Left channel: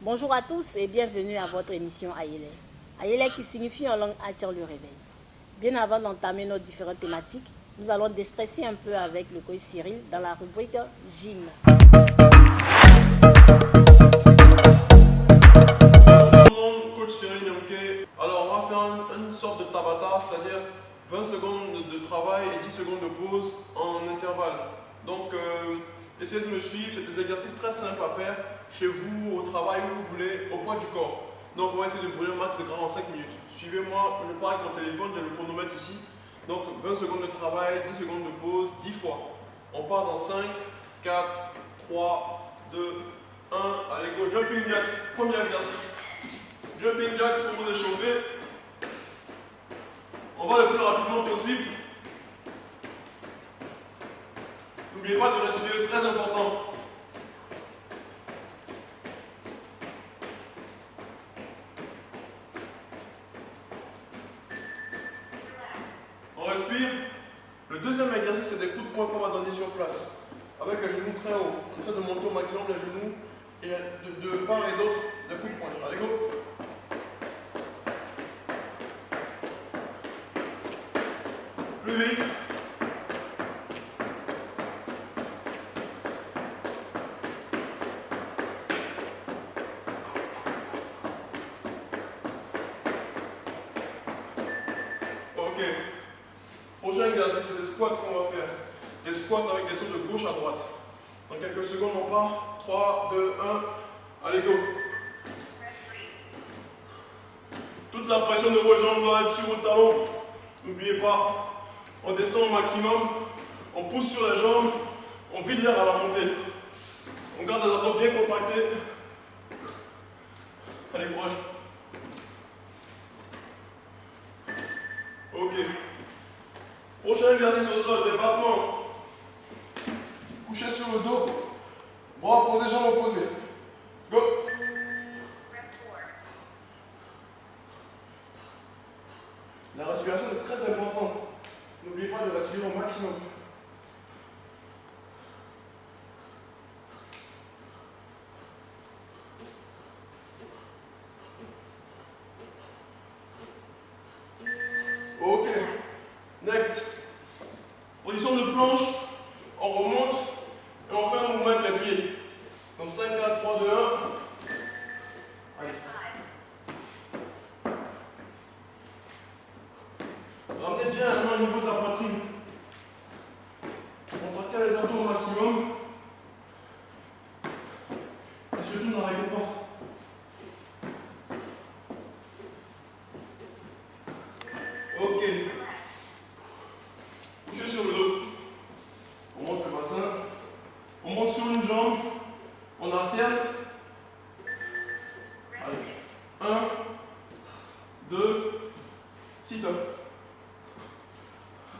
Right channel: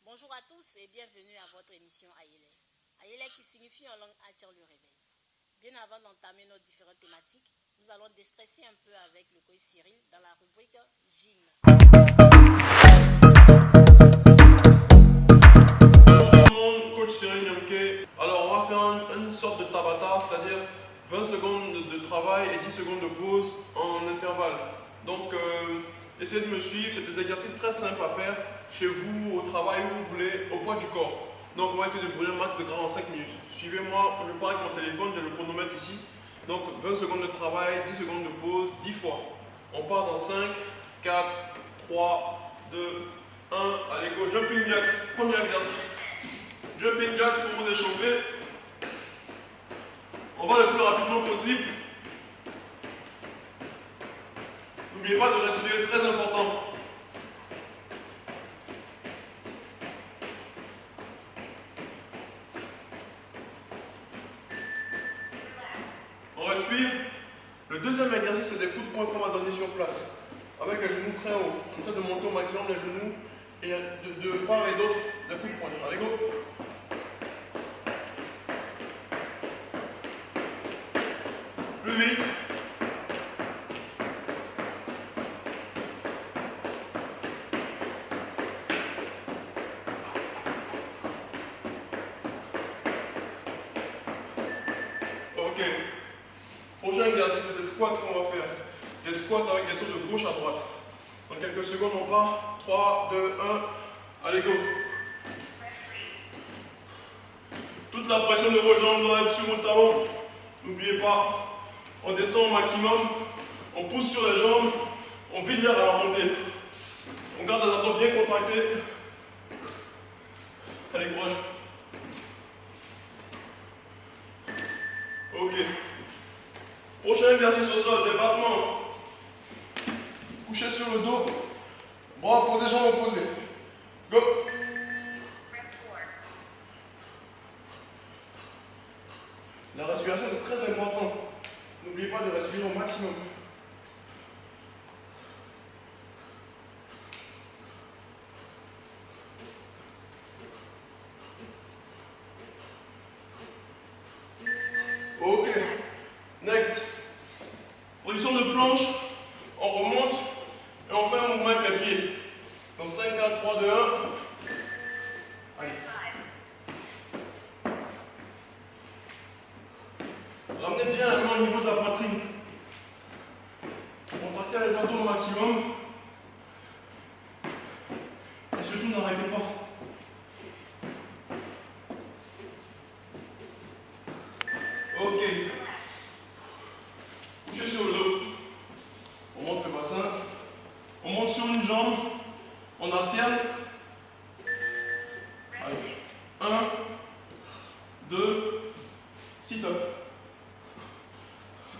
Bonjour à tous et bienvenue à votre émission Ayele. Ayele qui signifie en langue attire le réveil. Bien avant d'entamer nos différentes thématiques, nous allons déstresser un peu avec le coach Cyril dans la rubrique Gym. Bonjour tout le monde, coach Cyril Nyamke. Alors on va faire une sorte de tabata, c'est-à-dire 20 secondes de travail et 10 secondes de pause en intervalle. Donc essayez de me suivre, c'est des exercices très simples à faire chez vous, au travail, où vous voulez, au poids du corps. Donc on va essayer de brûler un max de gras en 5 minutes. Suivez-moi, je pars avec mon téléphone, j'ai le chronomètre ici. Donc 20 secondes de travail, 10 secondes de pause, 10 fois. On part dans 5, 4, 3, 2, 1. Allez go, jumping jacks, premier exercice. Jumping jacks pour vous échauffer. On va le plus rapidement possible. N'oubliez pas de respirer, très important. On respire. Le deuxième exercice, c'est des coups de poing qu'on va donner sur place. Avec les genoux très haut. On essaie de monter au maximum les genoux et de part et d'autre des coups de poing. Allez, go. Plus vite. Ok. Prochain exercice, c'est des squats qu'on va faire. Des squats avec des sauts de gauche à droite. Dans quelques secondes, on part. 3, 2, 1. Allez, go. Toute la pression de vos jambes doit être sur vos talons. N'oubliez pas. On descend au maximum. On pousse sur les jambes. On vide l'air à la montée. On garde les abdos bien contractés. Allez, courage. Ok. Prochain exercice au sol, débattement. Couché sur le dos. Bras opposés, jambes opposées. Go. La respiration est très importante. N'oubliez pas de respirer au maximum. Ok. Next. Position de planche. On remonte et on fait un mouvement avec les pieds. Donc 5, 4, 3, 2, 1. Allez. Ramenez bien la main au niveau de la poitrine. Contractez les abdos au maximum. Et surtout n'arrêtez pas. Ok. Couchez sur le dos. On monte le bassin. On monte sur une jambe. On alterne. Allez. 1, 2, sit-up.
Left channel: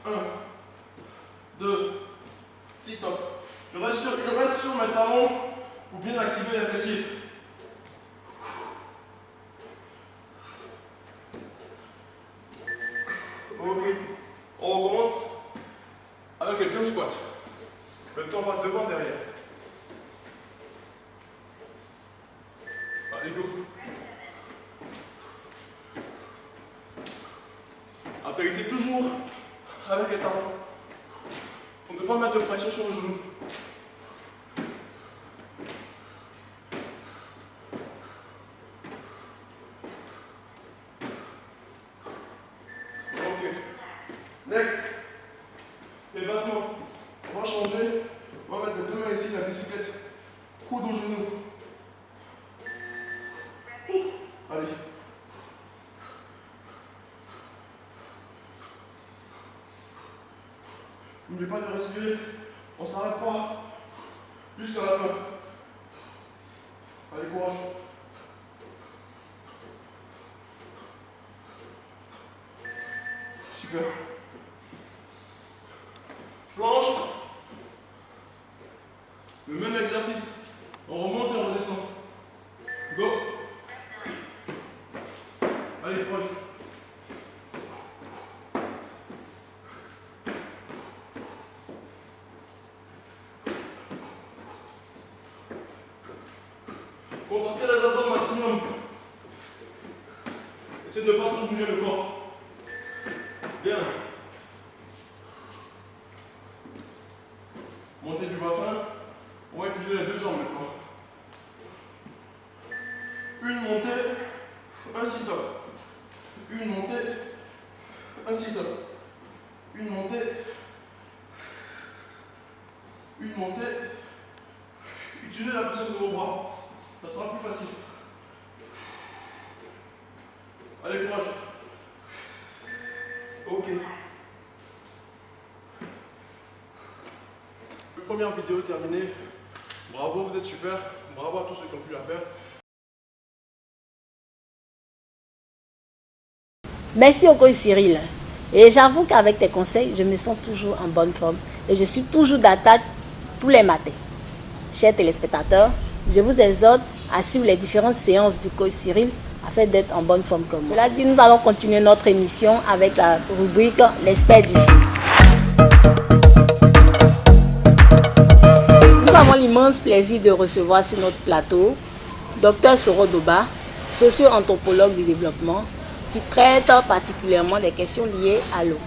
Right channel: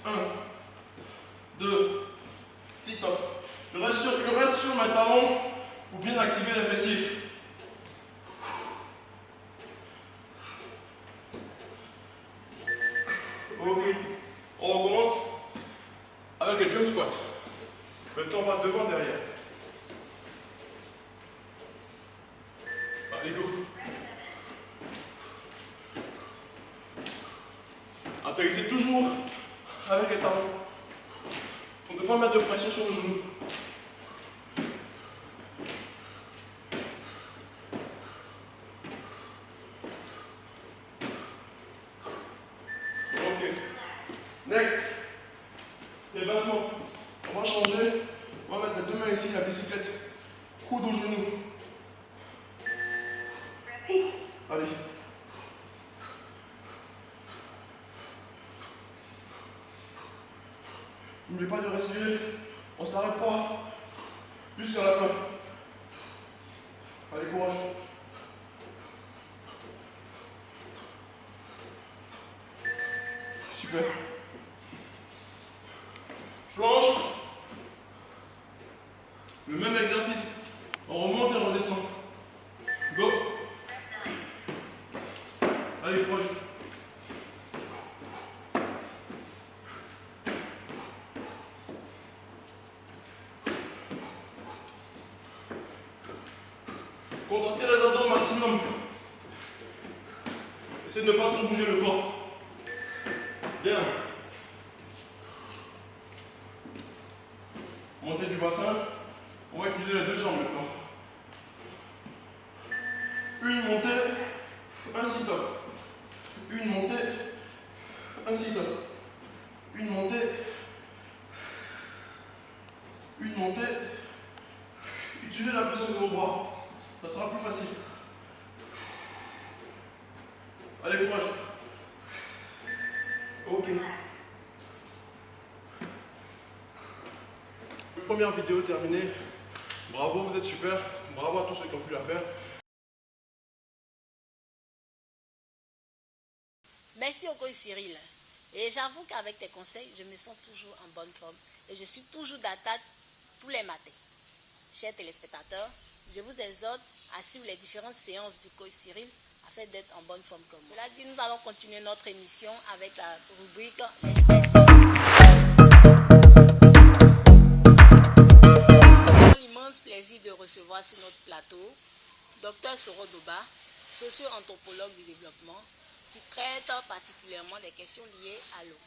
1, 2, sit-up. Je reste sur mes talons pour bien activer les fessiers. Ok. On recommence avec le jump squat. Maintenant, on va devant, derrière. Allez, go. Atterrissez toujours avec les talons. Pour ne pas mettre de pression sur le genou. Ok. Next. Les battements. On va changer. On va mettre les deux mains ici, la bicyclette. Coude au genou. Allez. N'oubliez pas de respirer. On ne s'arrête pas. Jusqu'à la fin. Allez, courage. Super. Planche. Le même exercice. On remonte et on redescend. Go. Allez, proche. Contractez les abdos au maximum. Essayez de ne pas trop bouger le corps. Bien. Montée du bassin. On va utiliser les deux jambes maintenant. Une montée, un sit-up. Une montée, un sit-up. Une montée. Une montée. Utilisez la puissance de vos bras. Ça sera plus facile. Allez, courage. Ok. Première vidéo terminée. Bravo, vous êtes super. Bravo à tous ceux qui ont pu la faire. Merci au coach Cyril. Et j'avoue qu'avec tes conseils, je me sens toujours en bonne forme. Et je suis toujours d'attaque tous les matins. Chers téléspectateurs, je vous exhorte à suivre les différentes séances du coach Cyril afin d'être en bonne forme comme moi. Cela dit, nous allons continuer notre émission avec la rubrique L'expert du jour. Nous avons l'immense plaisir de recevoir sur notre plateau Dr Soro Doba, socio-anthropologue du développement, qui traite particulièrement des questions liées à l'eau.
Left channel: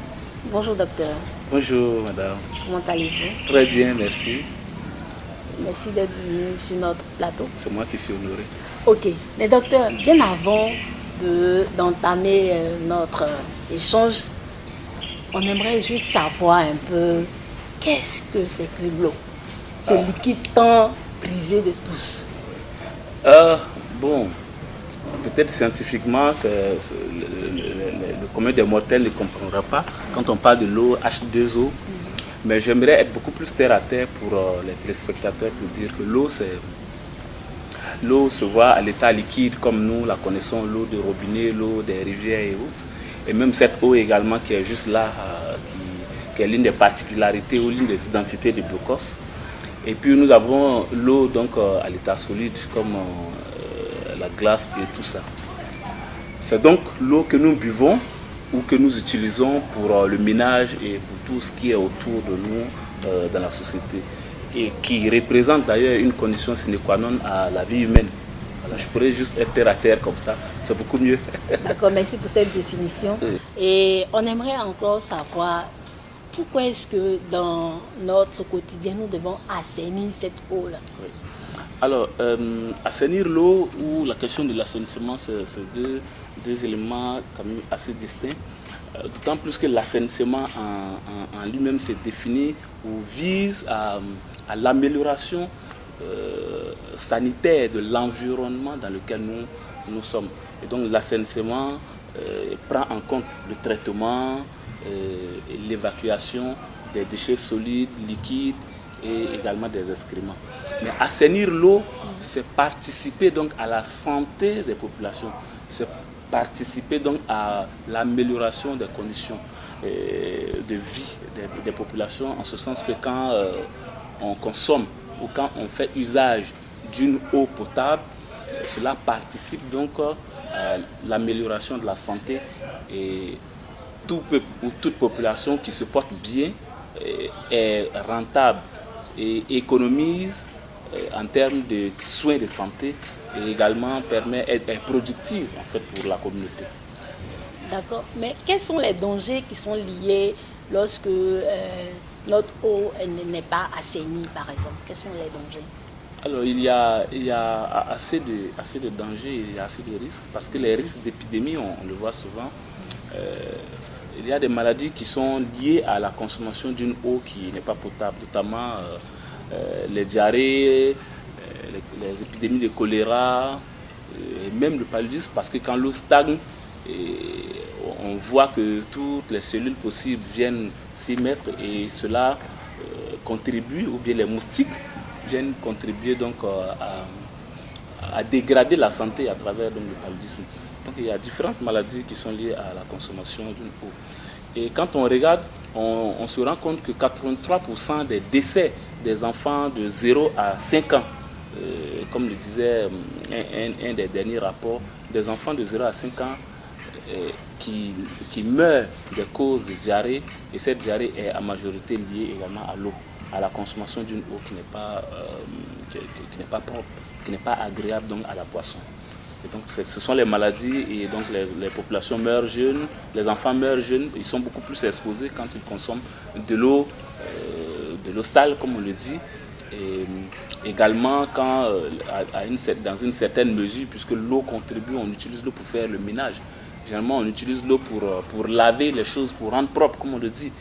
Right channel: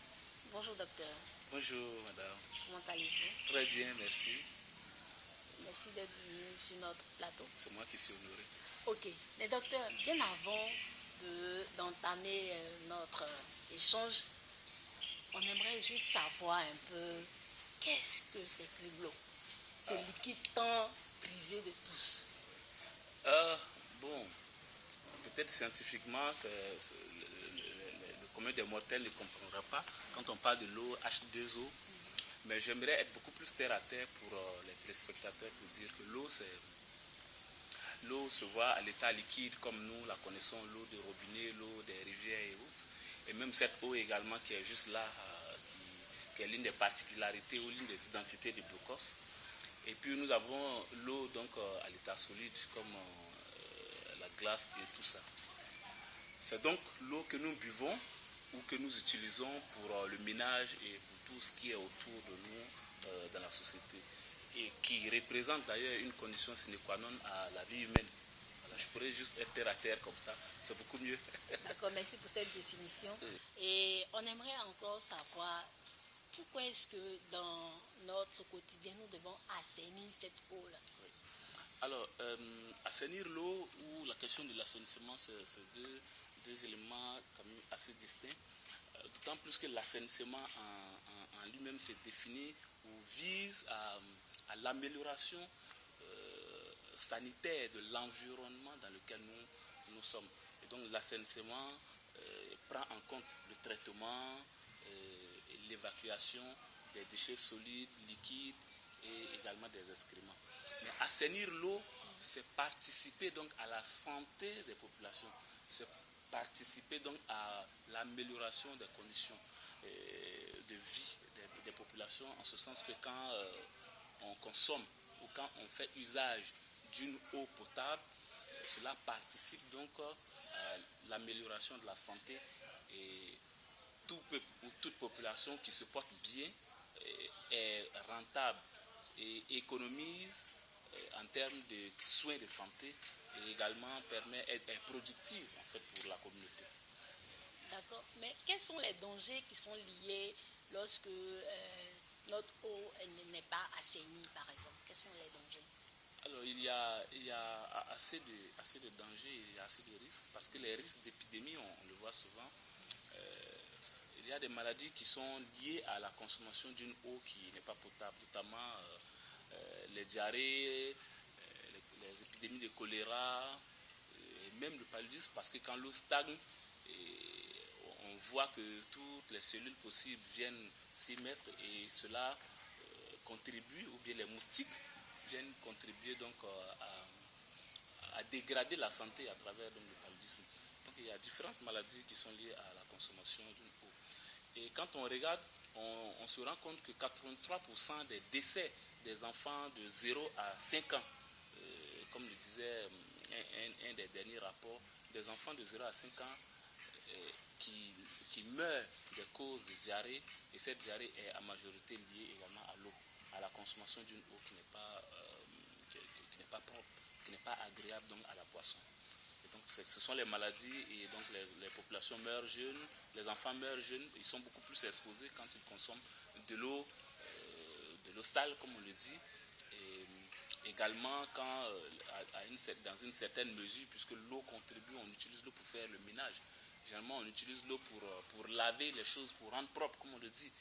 Bonjour docteur. Bonjour madame. Comment allez-vous? Très bien, merci. Merci d'être venu sur notre plateau. C'est moi qui suis honoré. Ok, mais docteur, bien avant d'entamer notre échange, on aimerait juste savoir un peu qu'est-ce que c'est que l'eau, ce liquide tant prisé de tous. Bon, peut-être scientifiquement, le commun des mortels ne comprendra pas quand on parle de l'eau H2O. Mais j'aimerais être beaucoup plus terre à terre pour les téléspectateurs pour dire que l'eau se voit à l'état liquide comme nous la connaissons, l'eau de robinet, l'eau des rivières et autres. Et même cette eau également qui est juste là, qui est l'une des particularités ou l'une des identités de Biocos. Et puis nous avons l'eau donc à l'état solide comme la glace et tout ça. C'est donc l'eau que nous buvons ou que nous utilisons pour le ménage et pour tout ce qui est autour de nous dans la société et qui représente d'ailleurs une condition sine qua non à la vie humaine. Voilà, je pourrais juste être terre à terre comme ça, c'est beaucoup mieux. D'accord, merci pour cette définition. Oui. Et on aimerait encore savoir pourquoi est-ce que dans notre quotidien nous devons assainir cette eau-là. Oui. Alors, assainir l'eau ou la question de l'assainissement, c'est deux éléments quand même assez distincts. D'autant plus que l'assainissement en lui-même se définit ou vise à l'amélioration sanitaire de l'environnement dans lequel nous sommes. Et donc l'assainissement prend en compte le traitement et l'évacuation des déchets solides, liquides et également des excréments. Mais assainir l'eau, c'est participer donc à la santé des populations, c'est participer donc à l'amélioration des conditions de vie des populations, en ce sens que quand on consomme ou quand on fait usage d'une eau potable, cela participe donc à l'amélioration de la santé et tout peuple ou toute population qui se porte bien est rentable et économise en termes de soins de santé et également est productive en fait pour la communauté. D'accord, mais quels sont les dangers qui sont liés lorsque notre eau n'est pas assainie par exemple? Quels sont les dangers? Alors il y a assez de dangers, il y a assez de risques parce que les risques d'épidémie, on le voit souvent. Il y a des maladies qui sont liées à la consommation d'une eau qui n'est pas potable, notamment les diarrhées, les épidémies de choléra, et même le paludisme, parce que quand l'eau stagne, on voit que toutes les cellules possibles viennent s'y mettre et cela contribue, ou bien les moustiques viennent contribuer donc à dégrader la santé à travers donc, le paludisme. Donc il y a différentes maladies qui sont liées à la consommation d'une eau. Et quand on regarde, on se rend compte que 83% des décès des enfants de 0 à 5 ans. Comme le disait un des derniers rapports, des enfants de 0 à 5 ans qui meurent des causes de diarrhée, et cette diarrhée est en majorité liée également à l'eau, à la consommation d'une eau qui n'est pas propre, qui n'est pas agréable donc à la boisson. Et donc ce sont les maladies, et donc les populations meurent jeunes, les enfants meurent jeunes, ils sont beaucoup plus exposés quand ils consomment de l'eau sale, comme on le dit. Et également quand, dans une certaine mesure, puisque l'eau contribue, on utilise l'eau pour faire le ménage. Généralement, on utilise l'eau pour laver les choses, pour rendre propre, comme on le dit.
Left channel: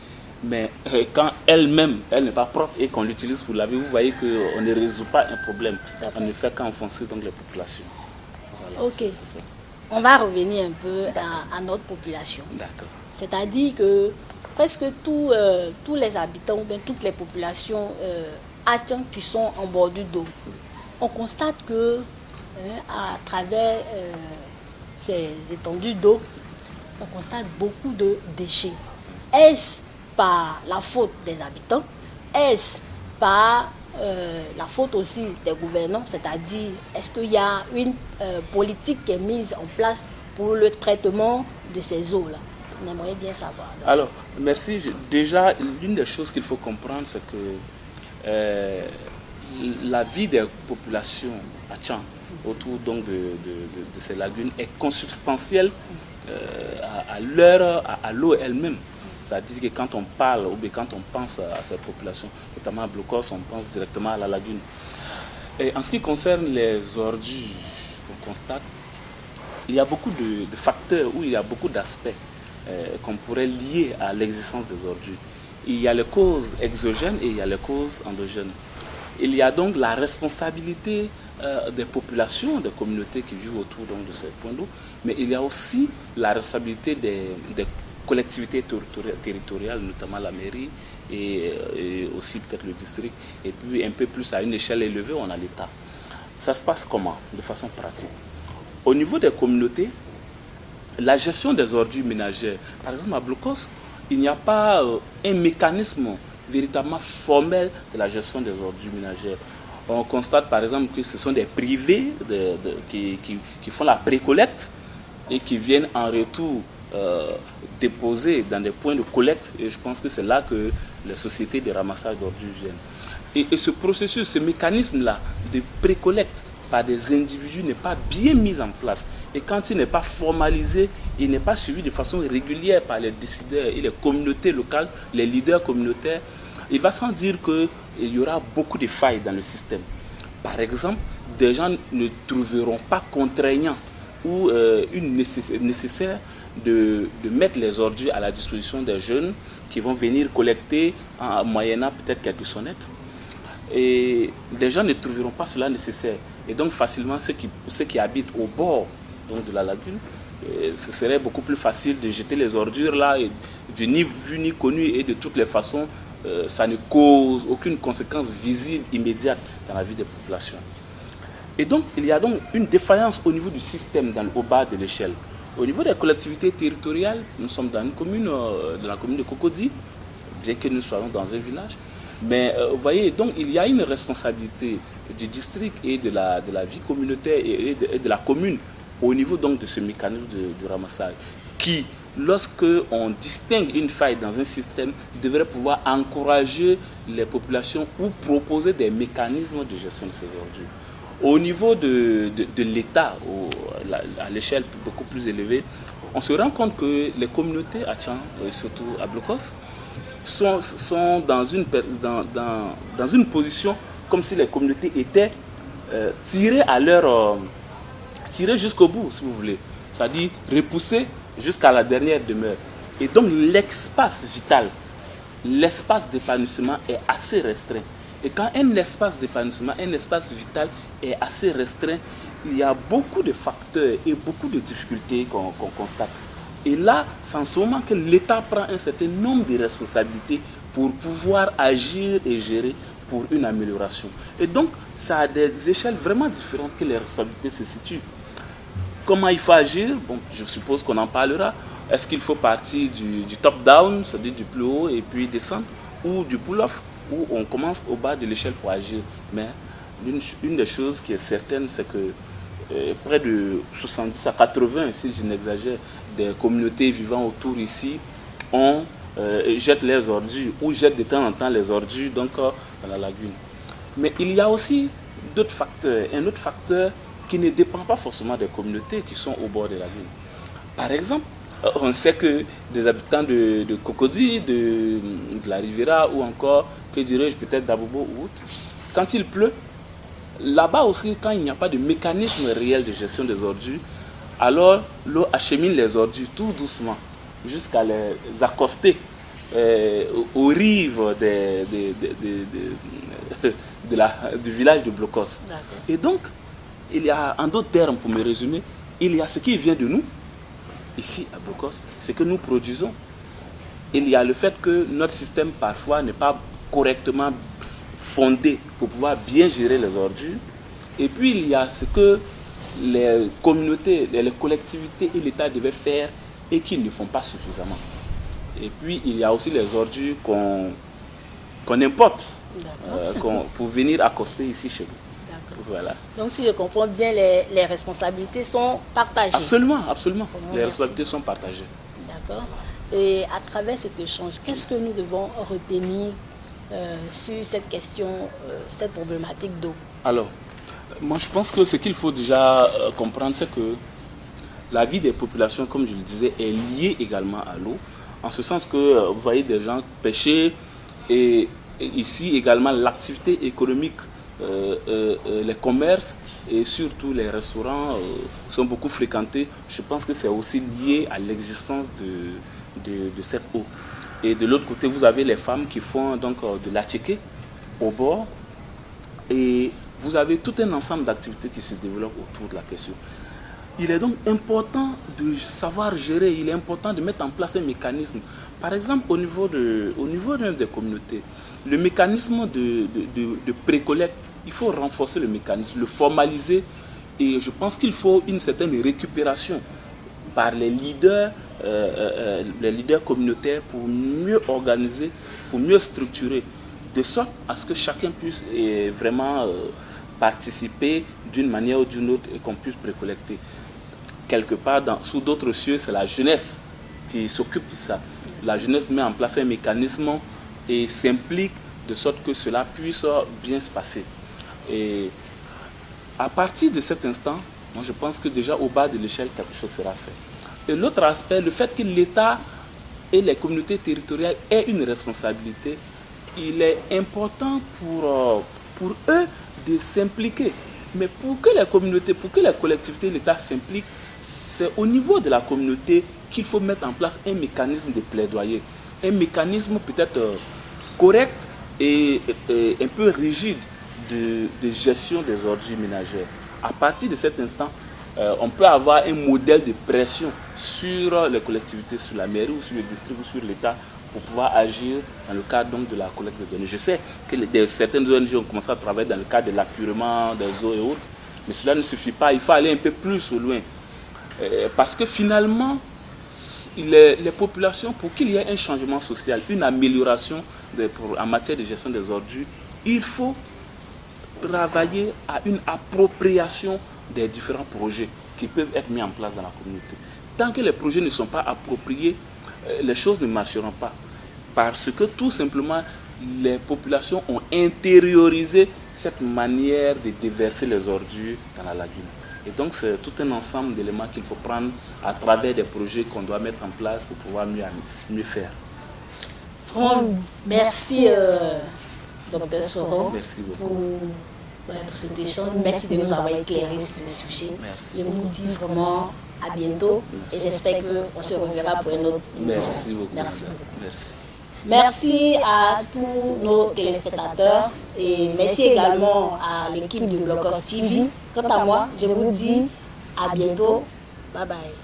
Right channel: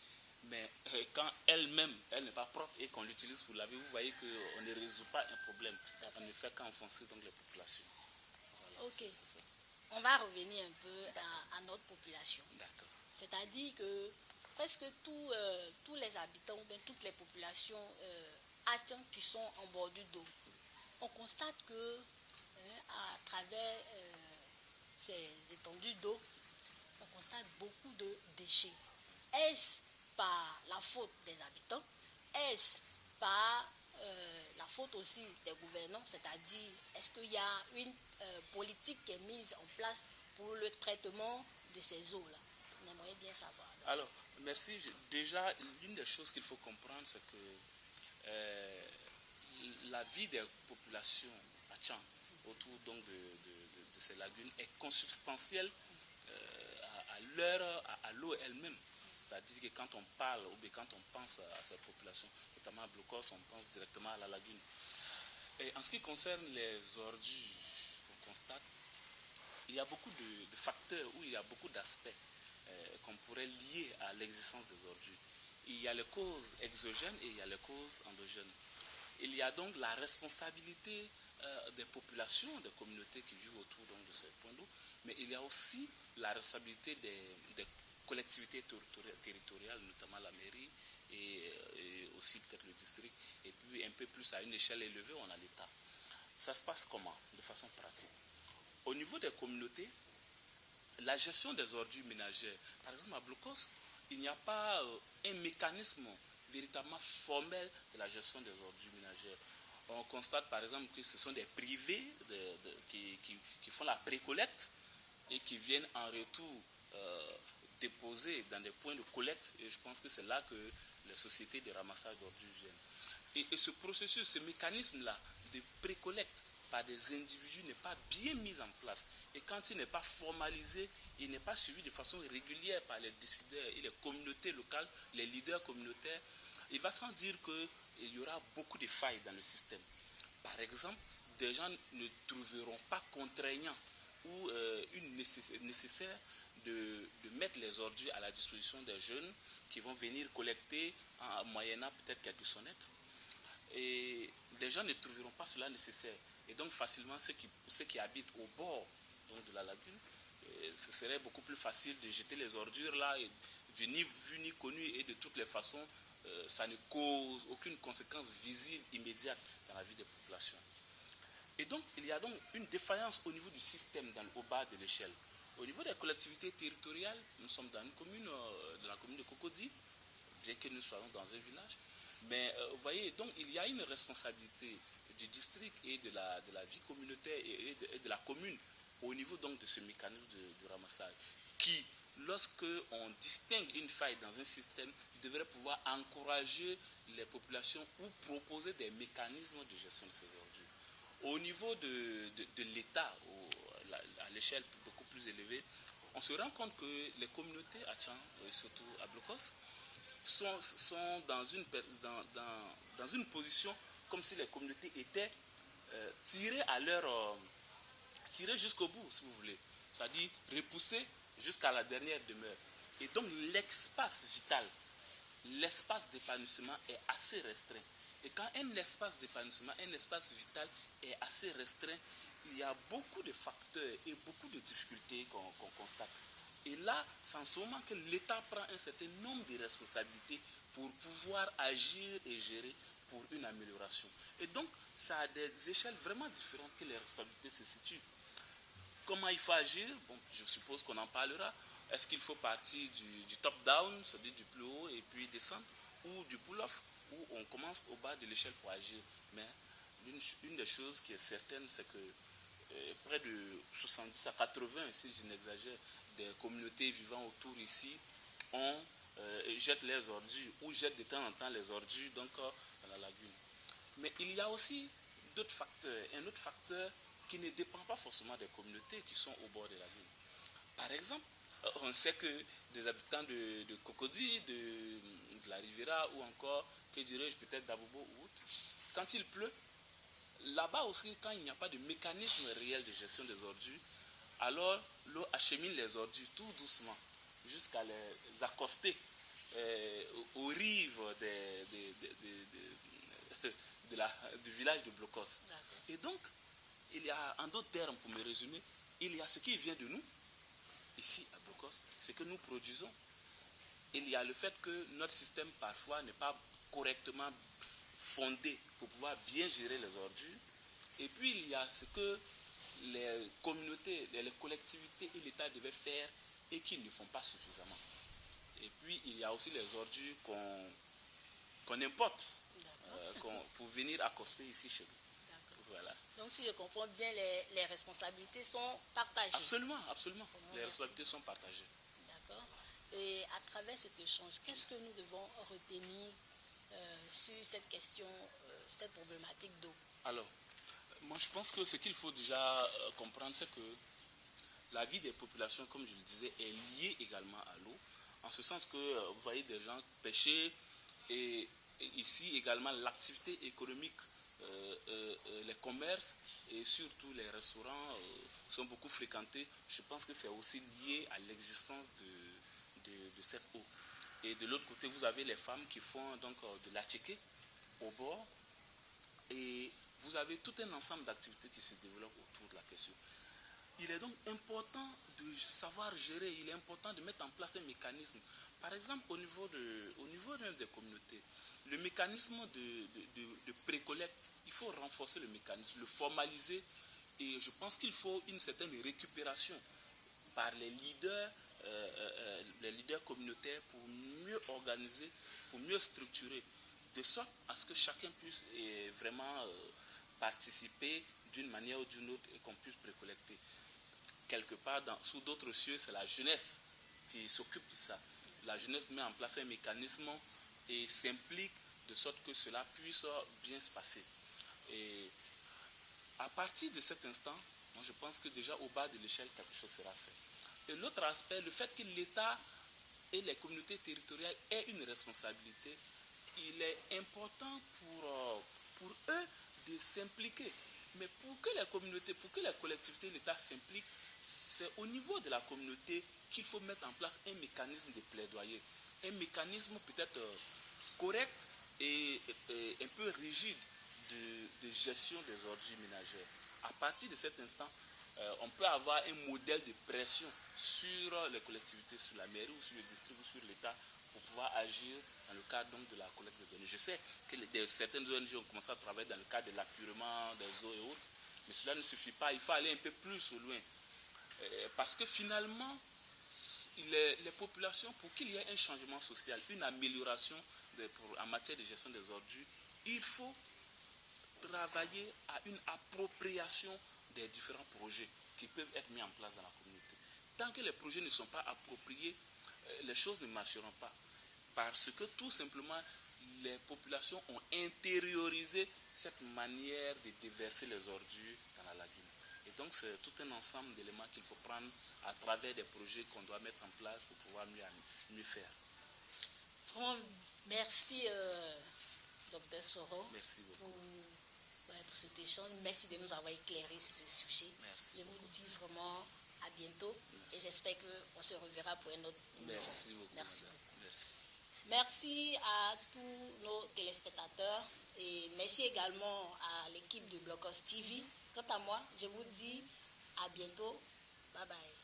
Mais quand elle-même, elle n'est pas propre et qu'on l'utilise pour laver, vous voyez qu'on ne résout pas un problème. On ne fait qu'enfoncer donc les populations. Voilà, Ok. c'est ça. On va revenir un peu à notre population. D'accord. C'est-à-dire que presque tous les habitants, ou bien toutes les populations qui sont en bordure d'eau, on constate que à travers ces étendues d'eau, on constate beaucoup de déchets. Est-ce par la faute des habitants? Est-ce par la faute aussi des gouvernants? C'est-à-dire, est-ce qu'il y a une politique qui est mise en place pour le traitement de ces eaux-là? On aimerait bien savoir. Alors, merci. Déjà, l'une des choses qu'il faut comprendre, c'est que la vie des populations à Tchang, autour donc de ces lagunes, est consubstantielle à l'eau elle-même. C'est-à-dire que quand on parle ou bien quand on pense à cette population, notamment à Blocos, on pense directement à la lagune. Et en ce qui concerne les ordures qu'on constate, il y a beaucoup de facteurs, ou il y a beaucoup d'aspects qu'on pourrait lier à l'existence des ordures. Il y a les causes exogènes et il y a les causes endogènes. Il y a donc la responsabilité des populations, des communautés qui vivent autour donc, de ces points d'eau, mais il y a aussi la responsabilité des collectivités territoriales, notamment la mairie et aussi peut-être le district, et puis un peu plus à une échelle élevée, on a l'État. Ça se passe comment? De façon pratique. Au niveau des communautés, la gestion des ordures ménagères, par exemple à Blocos, il n'y a pas un mécanisme véritablement formel de la gestion des ordures ménagères. On constate par exemple que ce sont des privés qui font la précollecte et qui viennent en retour déposer dans des points de collecte, et je pense que c'est là que les sociétés de ramassage d'ordures viennent. Et ce processus, ce mécanisme-là de précollecte par des individus n'est pas bien mis en place. Et quand il n'est pas formalisé, il n'est pas suivi de façon régulière par les décideurs et les communautés locales, les leaders communautaires, il va sans dire qu'il y aura beaucoup de failles dans le système. Par exemple, des gens ne trouveront pas contraignant ou nécessaire de mettre les ordures à la disposition des jeunes qui vont venir collecter en moyennant peut-être quelques sonnettes. Et des gens ne trouveront pas cela nécessaire. Et donc facilement, ceux qui habitent au bord donc, de la lagune, ce serait beaucoup plus facile de jeter les ordures là, et du ni vu ni connu, et de toutes les façons, ça ne cause aucune conséquence visible, immédiate dans la vie des populations. Et donc, il y a donc une défaillance au niveau du système au bas de l'échelle. Au niveau des collectivités territoriales, nous sommes dans une commune, dans la commune de Cocody, bien que nous soyons dans un village. Mais vous voyez, donc il y a une responsabilité du district et de la vie communautaire et de la commune au niveau donc de ce mécanisme de ramassage qui, lorsque on distingue une faille dans un système, devrait pouvoir encourager les populations ou proposer des mécanismes de gestion de ces ordures. Au niveau de l'État, à l'échelle beaucoup plus élevée, on se rend compte que les communautés à Tchang, surtout à Blocos, sont dans une position comme si les communautés étaient tirées jusqu'au bout, si vous voulez. C'est-à-dire repoussées jusqu'à la dernière demeure. Et donc l'espace vital, l'espace d'épanouissement est assez restreint. Et quand un espace d'épanouissement, un espace vital est assez restreint, il y a beaucoup de facteurs et beaucoup de difficultés qu'on constate. Et là, c'est en ce moment que l'État prend un certain nombre de responsabilités pour pouvoir agir et gérer pour une amélioration. Et donc, ça a des échelles vraiment différentes que les responsabilités se situent. Comment il faut agir? Bon, je suppose qu'on en parlera. Est-ce qu'il faut partir du top-down, c'est-à-dire du plus haut, et puis descendre, ou du pull-off? où on commence au bas de l'échelle pour agir. Mais une des choses qui est certaine, c'est que près de 70 à 80, si je n'exagère, des communautés vivant autour ici jettent les ordures ou jettent de temps en temps les ordures dans la lagune. Mais il y a aussi d'autres facteurs. Un autre facteur qui ne dépend pas forcément des communautés qui sont au bord de la lagune. Par exemple, on sait que des habitants de Cocody, de la Riviera ou encore, que dirais-je, peut-être d'Abobo ou autre, quand il pleut, là-bas aussi, quand il n'y a pas de mécanisme réel de gestion des ordures, alors l'eau achemine les ordures tout doucement jusqu'à les accoster aux rives du village de Blocos. Et donc, il y a, en d'autres termes, pour me résumer, il y a ce qui vient de nous, ici à Blocos, ce que nous produisons. Il y a le fait que notre système parfois n'est pas correctement fondé pour pouvoir bien gérer les ordures. Et puis il y a ce que les communautés, les collectivités et l'État devaient faire et qu'ils ne font pas suffisamment. Et puis il y a aussi les ordures qu'on importe pour venir accoster ici chez nous. Voilà. Donc si je comprends bien, les responsabilités sont partagées. Absolument, absolument. Les responsabilités sont partagées. D'accord. Et à travers cet échange, qu'est-ce que nous devons retenir sur cette question, cette problématique d'eau? Alors, moi je pense que ce qu'il faut déjà comprendre, c'est que la vie des populations, comme je le disais, est liée également à l'eau. En ce sens que vous voyez des gens pêcher et ici également l'activité économique, les commerces et surtout les restaurants sont beaucoup fréquentés. Je pense que c'est aussi lié à l'existence de cette eau. Et de l'autre côté, vous avez les femmes qui font donc de l'attiqué au bord. Et vous avez tout un ensemble d'activités qui se développent autour de la question. Il est donc important de savoir gérer, il est important de mettre en place un mécanisme. Par exemple, au niveau même des communautés, le mécanisme de précollecte, il faut renforcer le mécanisme, le formaliser. Et je pense qu'il faut une certaine récupération par les leaders communautaires pour mieux organiser, pour mieux structurer, de sorte à ce que chacun puisse vraiment participer d'une manière ou d'une autre et qu'on puisse précollecter. Quelque part, sous d'autres cieux, c'est la jeunesse qui s'occupe de ça. La jeunesse met en place un mécanisme et s'implique de sorte que cela puisse bien se passer. Et à partir de cet instant, moi je pense que déjà au bas de l'échelle, quelque chose sera fait. Et l'autre aspect, le fait que l'État et les communautés territoriales aient une responsabilité, il est important pour eux de s'impliquer. Mais pour que les communautés, pour que les collectivités et l'État s'impliquent, c'est au niveau de la communauté qu'il faut mettre en place un mécanisme de plaidoyer. Un mécanisme peut-être correct et un peu rigide de gestion des ordures ménagères. À partir de cet instant, on peut avoir un modèle de pression sur les collectivités, sur la mairie ou sur le district ou sur l'État pour pouvoir agir dans le cadre donc, de la collecte de données. Je sais que certaines ONG ont commencé à travailler dans le cadre de l'appurement des eaux et autres, mais cela ne suffit pas, il faut aller un peu plus au loin. Parce que finalement, les populations, pour qu'il y ait un changement social, une amélioration en matière de gestion des ordures, il faut travailler à une appropriation des différents projets qui peuvent être mis en place dans la communauté. Tant que les projets ne sont pas appropriés, les choses ne marcheront pas. Parce que tout simplement, les populations ont intériorisé cette manière de déverser les ordures dans la lagune. Et donc, c'est tout un ensemble d'éléments qu'il faut prendre à travers des projets qu'on doit mettre en place pour pouvoir mieux faire. Merci, Dr Soro. Merci beaucoup. Pour cet échange. Merci de nous avoir éclairé sur ce sujet. Merci. Je vous dis vraiment à bientôt. Merci. Et j'espère qu'on se reverra pour un autre. Merci beaucoup. Merci beaucoup. Merci. Merci à tous nos téléspectateurs et merci également à l'équipe de Blocos TV. Quant à moi, je vous dis à bientôt. Bye bye.